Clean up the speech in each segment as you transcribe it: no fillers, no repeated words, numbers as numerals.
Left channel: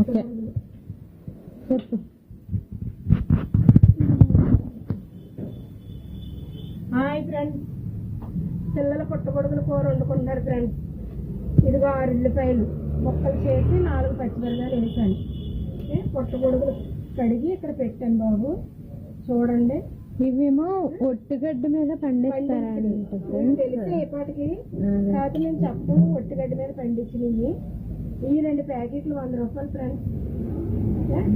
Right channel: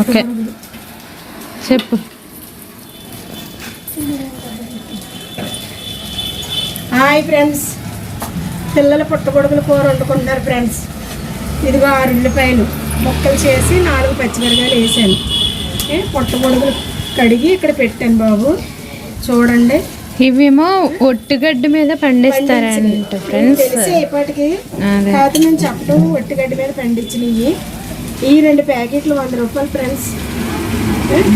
Okay చెప్పు. Hi friends, పిల్లల పుట్టగొడుగుల కూర వండుకుంటున్నారు ఫ్రెండ్స్. ఇదిగో 6 ఉల్లిపాయలు ముక్కలు చేసి 4 పచ్చిమిరకాయలు వేసాను. పుట్టగొడుగులు కడిగి ఇక్కడ పెట్టాను బాబు, చూడండి. ఇవేమో ఒట్టిగడ్డ మీద పండిస్తారంట ఫ్రెండ్స్. తెలిసి ఇప్పటికి కాదు నేను చెప్పడం, ఒట్టిగడ్డ మీద పండించినవి. ఈ 2 ప్యాకెట్లు 100 రూపాయలు ఫ్రెండ్స్.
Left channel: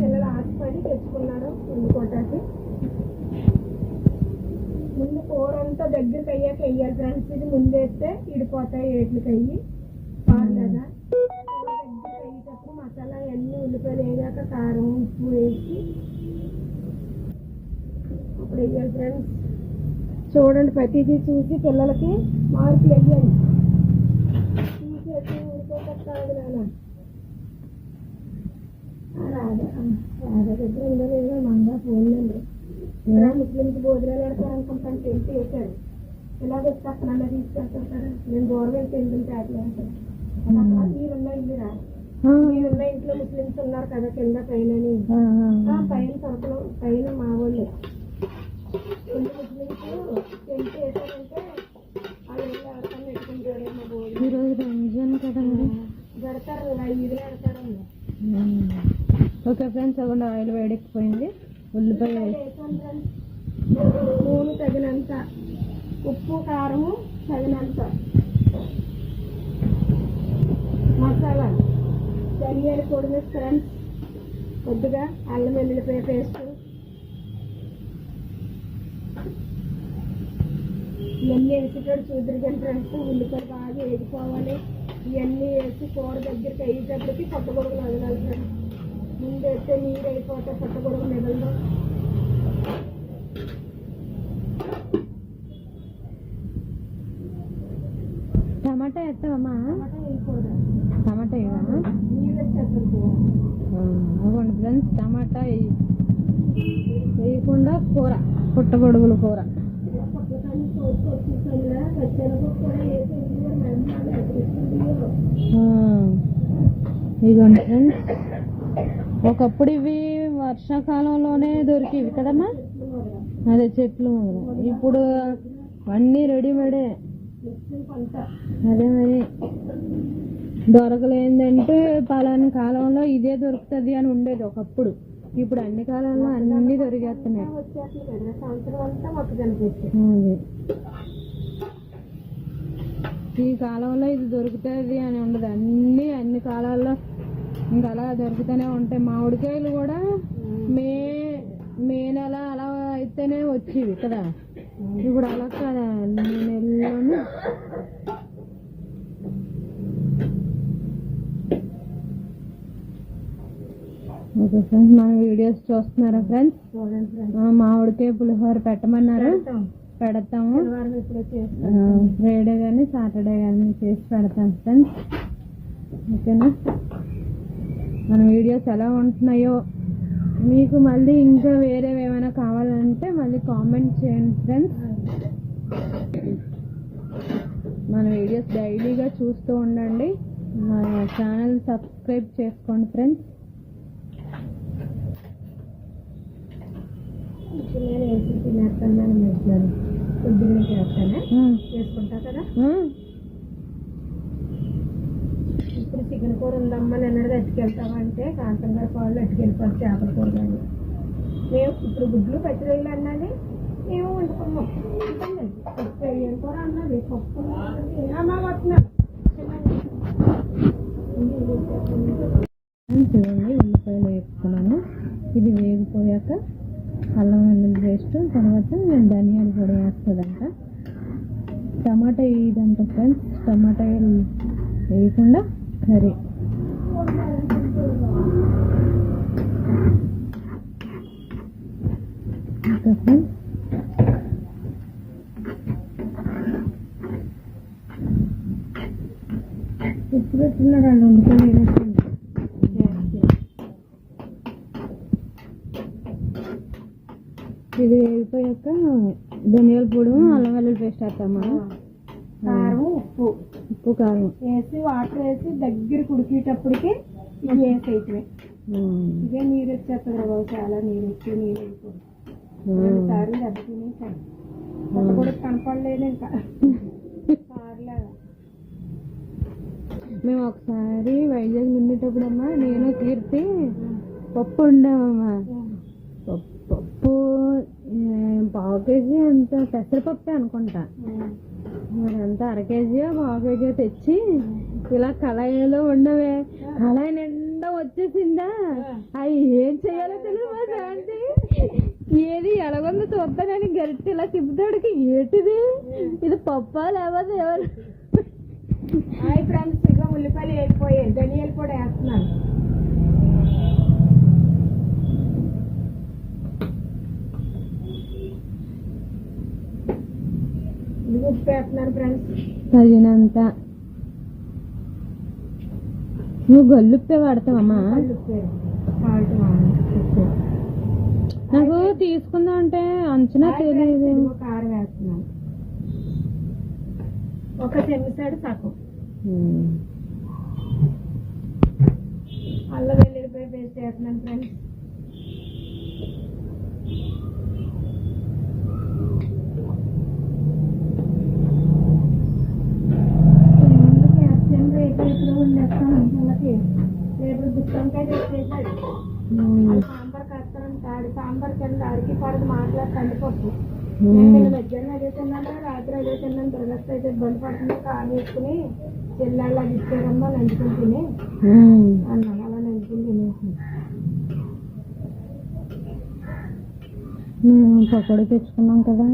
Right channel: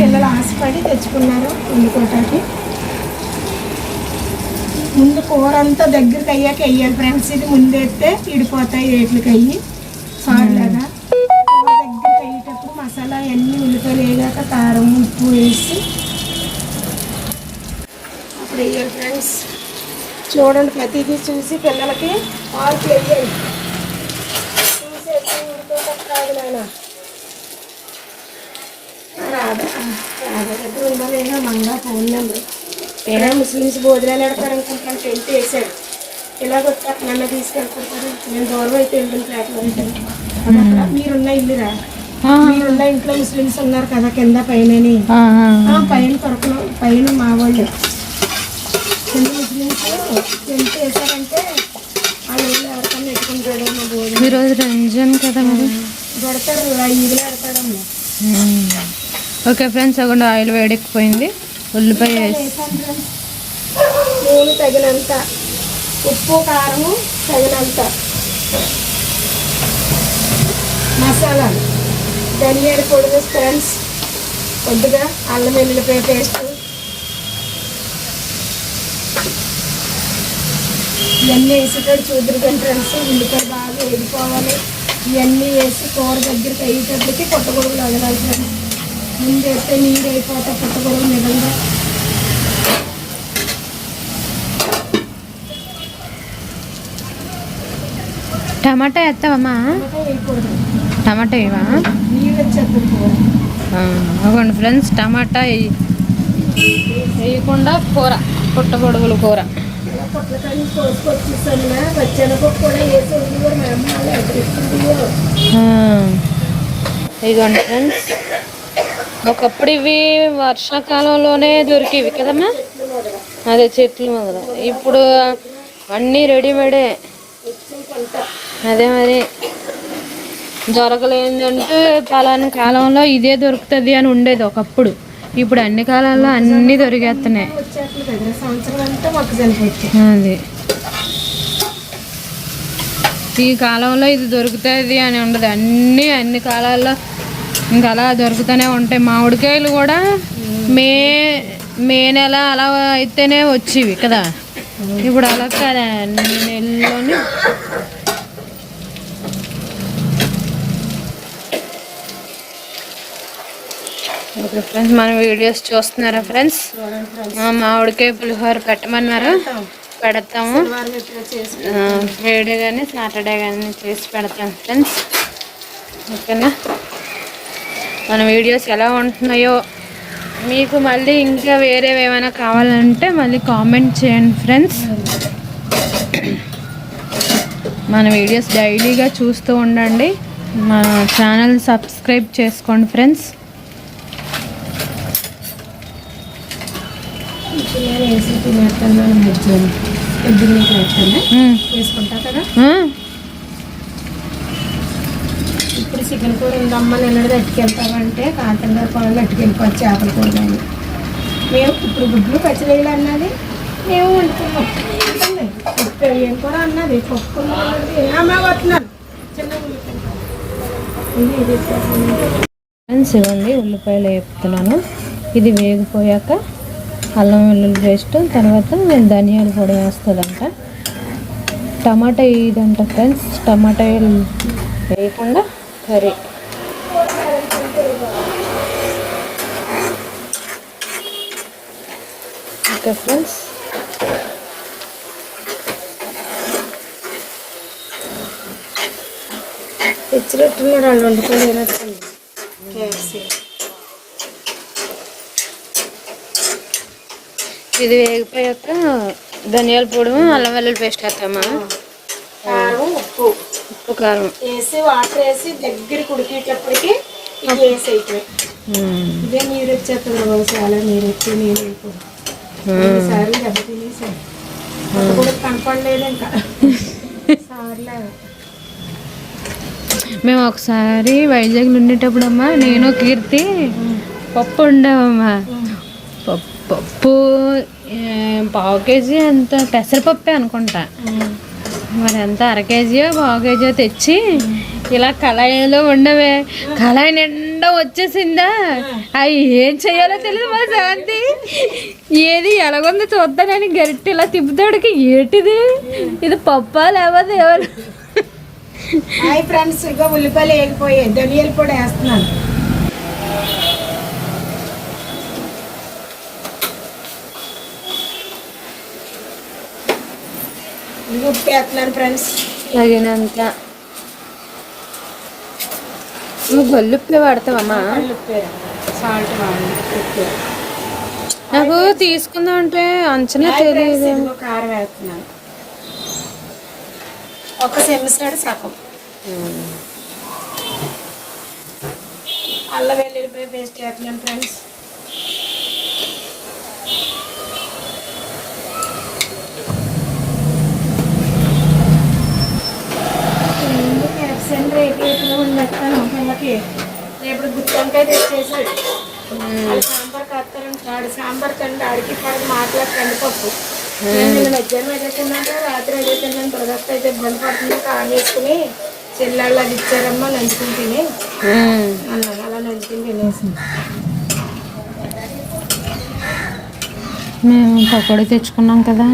పిల్లలు ఆశపడి తెచ్చుకున్నారు వండుకోవటానికి. ముందు కూర అంతా దగ్గరికి అయ్యాక వేయాలి ఫ్రెండ్స్. ఇది ముందు వేస్తే ఇడిపోతాయి రేట్లకి అయ్యి సారులాగా. కూర దగ్గరికి అయ్యేటప్పుడు మసాలా అన్నీ ఉల్లిపాయలు వేయగాక కారం ఉప్పు వేసి అప్పుడు వేయాలి ఫ్రెండ్స్. చూడండి, ప్రతిదీ చూసి పిల్లలకి మార్కులు వేయాలి. చూసేసి ఉడికేటప్పుడు రాదు నాన్న. రాదా దగ్గర ఉందా లేదా మంగా ఫోన్ నెంబర్. ఏదో ముస్లిమ్స్ భోజనాలు పెడతారు అనుకుంటాను. టెంట్ వేసాడు. ఇలాగ వచ్చాక నన్ను తీసుకెళ్తారు. నేను దూరం అయితే వెళ్తాను ఫ్లాట్లో ఉంటాను. అక్కడ మీరున్న ఇల్లురా, మీరున్న ఇంట్లో ముస్లిమ్స్ ఉన్నారు కదా కింద పైన. పైన కొరకలు పైన మా వాళ్ళు కింద ముస్లిమ్స్ టెంట్ వేసారంటే వాళ్ళు ఇల్లు ఎవరికన్నా పెట్టుకుంటాడు. మా భోజనం ఈరోజు రంజాన్ కదా మరి పెడతారు, ఈదులు పెడతాడమ్మా. ఓకే ఫ్రెండ్స్, అక్కడ ఆయిల్ వేడెక్కిపోయింది. ఉల్లిపాయ వేసి నూనె తగినంత, ఉప్పు కారము తగినంత, మసాలా ధనియాల పొడి ఫ్రెండ్స్, కొద్దిగా అల్లం వెల్లుల్లిపాయ పేస్ట్, ఇవన్నీ వేసేటప్పుడు చూద్దరు ఫ్రెండ్స్. ఉల్లిపాయ బాగా వేడిపోవాలి. ఇవన్నీ వేసి కూర దగ్గరికి అయ్యేటప్పటికి పుట్టగొడుగులు వదలాలి ఫ్రెండ్స్. ముందు వేస్తే నీరు అయిపోతే పుట్టగొడుగు మిగలదు. టమాటా వేస్తావమ్మా? వేయకూడదు, టమాటా వేయవా? నీళ్ళు వచ్చేస్తుంది కూర. అవ్వండి ఫ్రెండ్స్, టమాటా వేయకుండా కూర, పుట్టగొడుగుల కూర. పొట్లకాయని కోసుకొచ్చేసాను. పచ్చెనపప్పు కూడా వేసి కూడా మా అమ్మ వాళ్ళు ఎక్కడిస్తుందో. ఇదిగోండి ఫ్రెండ్స్, ఒకప్పుడు ఇవి వర్షాకాలంలోనే దొరికేవి కదమ్మా, అదే చెట్లు మొదలు. ఇప్పుడు అన్నీ రెడీమేడే. అదే మరి దొరకలేదంటే పలానా కాలంలో ఇదే దొరుకుతుంది అని ఉండేది ఒకప్పుడు. ఇప్పుడు అన్ని కాలాల్లో అన్నీ దొరికేస్తున్నాయి. అది ఈ కాలంలో ఇది దొరుకుతుంది అని ఉండదు. అన్ని కాలాల్లో ఇంకా అలా దొరుకుతూనే ఉంటాయి. మామిడికాయలు కూడా మే నెల అలా అయితేనే వచ్చేవి కదా, ఇప్పుడు అలా కదా అన్ని నెలల్లోనే. ఓకే ఫ్రెండ్స్, మన వీడియోస్ చూస్తున్నారా ఫ్రెండ్స్? మామిడికాయ పులిహోర పెట్టమన్నారు, పెడతాము. ఫ్రైడే కానీ సాటర్డే కానీ చేసి పెడతాం ఫ్రెండ్స్. ఓకేనా? మన వీడియోస్ ఎలా ఉంటున్నాయో మీకు మళ్ళీ ఇంకా వేరేవి ఏమైనా కావాలంటే మళ్ళీ కామెంట్ చేయండి ఫ్రెండ్స్. మన వీడియోస్ డైలీగా చూస్తూ ఉండండి. మన ఛానల్ సబ్స్క్రైబ్ చేసుకోండి ఫ్రెండ్స్. వేసుకుంటా కదా. ఇప్పుడు చికెన్ కూర ఉందమ్మా, నిన్నది అట్టుకెళ్తామంటే కాంతంగా కూరలు అట్టుకెళ్ళిపోవచ్చు. చేపల కూర కానీ మేము ఇప్పుడు గుడ్లు పచ్చిరొయ్యలు అన్నది మేము వండుకున్నాం. ఏం కూర అన్నది పప్పు అమ్మా వస్తున్నాను చిన్న. ఫ్రెండ్స్ ఇవ్వండి, ఉల్లిపాయలు వేపుతున్నాను. ఇది వేగిపోయాక అల్లం వెల్లుల్లి పేస్ట్, తర్వాత ధనియాల పొడి వేస్తుందంట. టమాటా ఇదంట ఫ్రెండ్స్, టమాటా వేయకుండా కర్రీ. ఓకే ఫ్రెండ్స్, తెచ్చినట్టున్నారు వాళ్ళు వండుకొని. ఇది వేగిపోయాక ధనియాల పొడి, అల్లం వెల్లుల్లి పేస్ట్ వేస్తామా, కారం ఉప్పు కారం వేసి వాటర్ వేసి దగ్గరికి ఉడికేటప్పటికి ఇది వేసి అయిపోయి ఇదే నీరు వచ్చేస్తుంది బాబు, చాలా నీరు వచ్చి నీరు అయిపోయింది. సార్లు దెబ్బ తినేసాను, అది కూడా కనపడలేదు ఇంకా సార్లే. మేము ఒకసారి వైజాగ్లో ఉండేటప్పుడు అమ్మా నేను కీర్తి పప్పు ఉండేవమ్మా. పప్పు పావు కేజీ అంత పెసరపప్పే అనుకుంటా, మరి ఎంత అర కేజీయో పావు కేజీయో తెచ్చి ఇలా కళాయిలో ఉండవే, కళాయి నిండా వచ్చేసిందా. అవి ఏం చెయ్యాలో తెలియదు మా శాంతి. ఏది ఎలాగుందో చూద్దానని గరిటె ఇలా తిప్పుతాడికి ఏంటిది ఇది పప్పా లేకపోతే ఎవరు. హాయ్ ఫ్రెండ్స్, ఇక ఉల్లిపాయలు వేగిపోయాయి, ధనియాల పొడి వేస్తున్నాను. ఉప్పు వేస్తున్నాను ఫ్రెండ్స్, తగినంత. నువ్వు గొల్లుప్పే వాడతావమ్మా? సాల్ట్ వాడండి. నాకు తీసుకుందాం అంటే అంచనా తెలియదు. కారం వేస్తున్నాను, ఒక సెమిసాడు సగం. అల్లం వెల్లుల్లిపాయ పేస్ట్ వేస్తున్నాను ఫ్రెండ్స్. పిల్లకి రేపు గుత్తొంకాయ తెచ్చేసాడు, సాంబార్ కత్తారంటాడు. సాంబార్ కండి ఆడికి పడి మాట్లాడకండి పప్పు. నేను మధ్యాహ్నం అదేకున్నాక రాత్రి అదేకున్నాను. ప్రదత్త అయితే ఇబ్బంది పడుతుంది, కారం వేసుకుని చెల్లెళ్ళు అది ఇచ్చారమ్మా నంచుకుని తిని అన్నాను. అలా నంచుకుని తినేసింది. మేము పకోడీ తెచ్చుకున్నాం కదా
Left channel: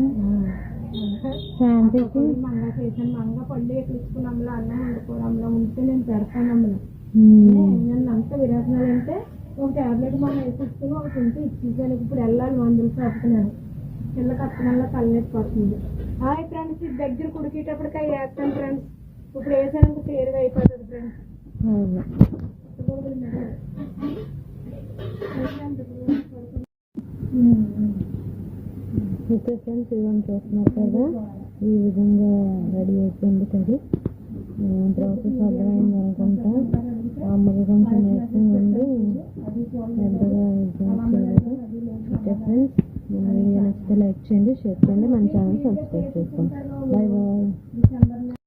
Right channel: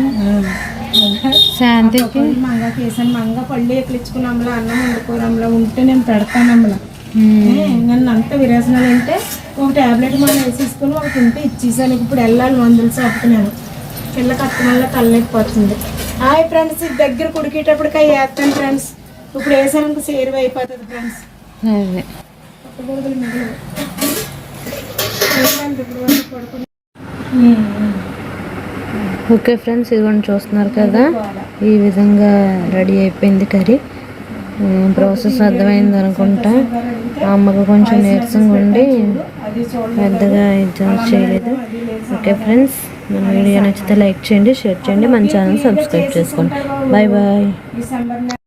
శాంతికి. మంగకి వేసాను, మంగ పళ్ళు ఎక్కించుకున్నాంలా, అన్నం వండుకోరంలా ఉంటే నేను పెడతానమ్మలా. నన్ను అంత విరేచనాలు అంటే ఒక ట్యాబ్లెట్ మనం వేసేసుకుని ఒకటి ఉంటే ఇచ్చేసాను. ఇప్పుడు వెళ్ళాలి మందులు చెప్తున్నాను, పిల్లకి అత్తమల్ల తల్లెక్కిపోతుంది. హాయ్ ఫ్రెండ్స్, దగ్గర కుడికేటప్పటికి అవి వేస్తాను ఫ్రెండ్స్. ఇప్పుడు వేసానికి సేరు అయిపోతుంది ఫ్రెండ్స్. ఓకే ఫ్రెండ్స్, ఇదిగోండి చూస్తున్నారు కదా, ఈ విధంగా రెడీ అయిపోయింది కర్రీ. ప్రాసెస్ అర్థమైంది అనుకుంటా. అమ్మకు కొంచెం నీరసంగా ఉండి పెద్దగా ఎగ్జామ్స్ చేయలేదు. ఓకే ఫ్రెండ్స్, మన వీడియో నచ్చితే లైక్ చేయండి, షేర్ చేయండి, మన ఛానల్ సబ్స్క్రైబ్ చేసుకోండి. Bye bye.